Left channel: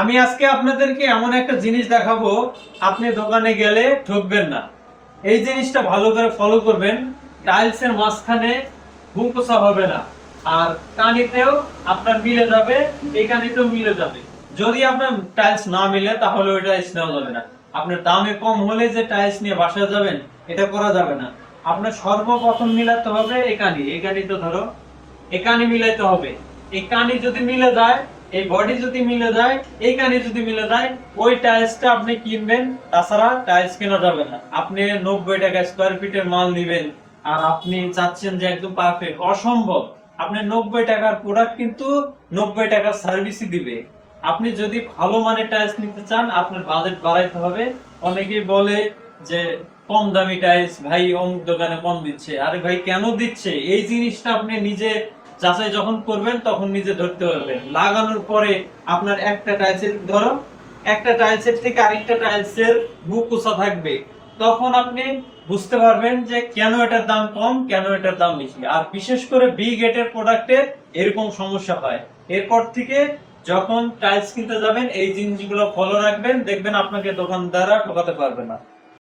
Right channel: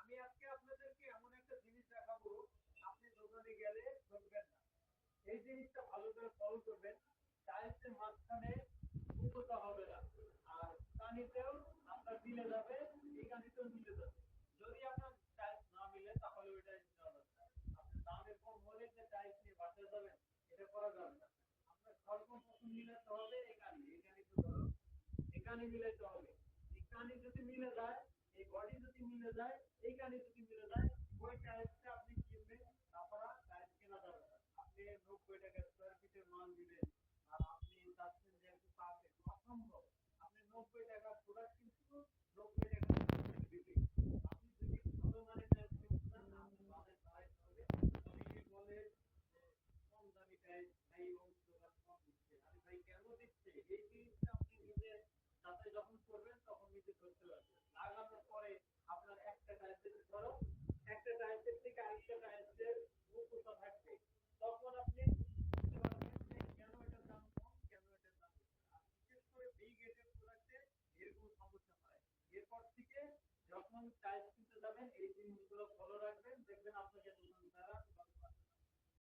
আমি আজকে আপনাদেরকে এমন একটা জিনিস দেখাবো, আপনি দোকানে গেলে ঠকবেন না। এই জিনিসটা ভালো করে ফলো করবেন। টাইলসের মাঝখানে ভুলকোষা হবে না, আর কানিতেও আপনার মিলে যাবে, এই কানিতেও মিলে যাবে। যদি আপনার টাইলস না মিলে তাহলে ওই টাইলস নেওয়া যাবে না। আপনার দামে কম হলে যে টাইলস নিয়ে বাসায় যাবেন, এটা করা যাবে না। আপনার সর্বপ্রথম মিলাতে হবে এই কানি তো ধরো এই কানি মিলাইতে হবে। এই কানি যদি মিলে যায়, এই বডি যদি মিলে যায়, এই কানি যদি মিলে যায়, ওই টাইলসটা আপনি কিনবেন। তাছাড়া টাইলস কেনা যাবে না। আপনি 90 টাকা স্কয়ার ফিটের মাল নিবেন, আর আপনি চাচ্ছেন যে একদম পারফেক্ট, অসম্ভব। আপনি 90 টাকার প্রোডাক্ট কিন্তু 90 টাকার সার্ভিসই দিবে। আপনি যদি ভালো মানের টাইলস নিতে চান, আপনার বাজেট বাড়াইতে হবে। অনেকেই বলে যে কম দামি টাইলস ভাই অমুক দোকানে কম দিচ্ছে। আরে ভাই, কেন দিচ্ছে এই জিনিসটা আপনি নিজে যাচাই যখন করবেন তখন নিজে ধরতে পারবেন। লাগানোর পরে আপনার একটা টাইলসের ধরো একটা টাইলসের থেকে আরেকটা টাইলসের বুকুসা থাকবে, তখন আপনি বুঝতে পারবেন যে কেন এটার দাম কম, কেন এটার দাম বেশি। আর বিশেষ করে বি গেটের প্রোডাক্টের এরকম সমস্যা হয়। এরপর থেকে যখন টাইলস কিনতে যাবেন এই জিনিসগুলো ফলো রাখবেন, দেখবেন আপনাকে দোকানদাররা ঠকাতে পারবে না।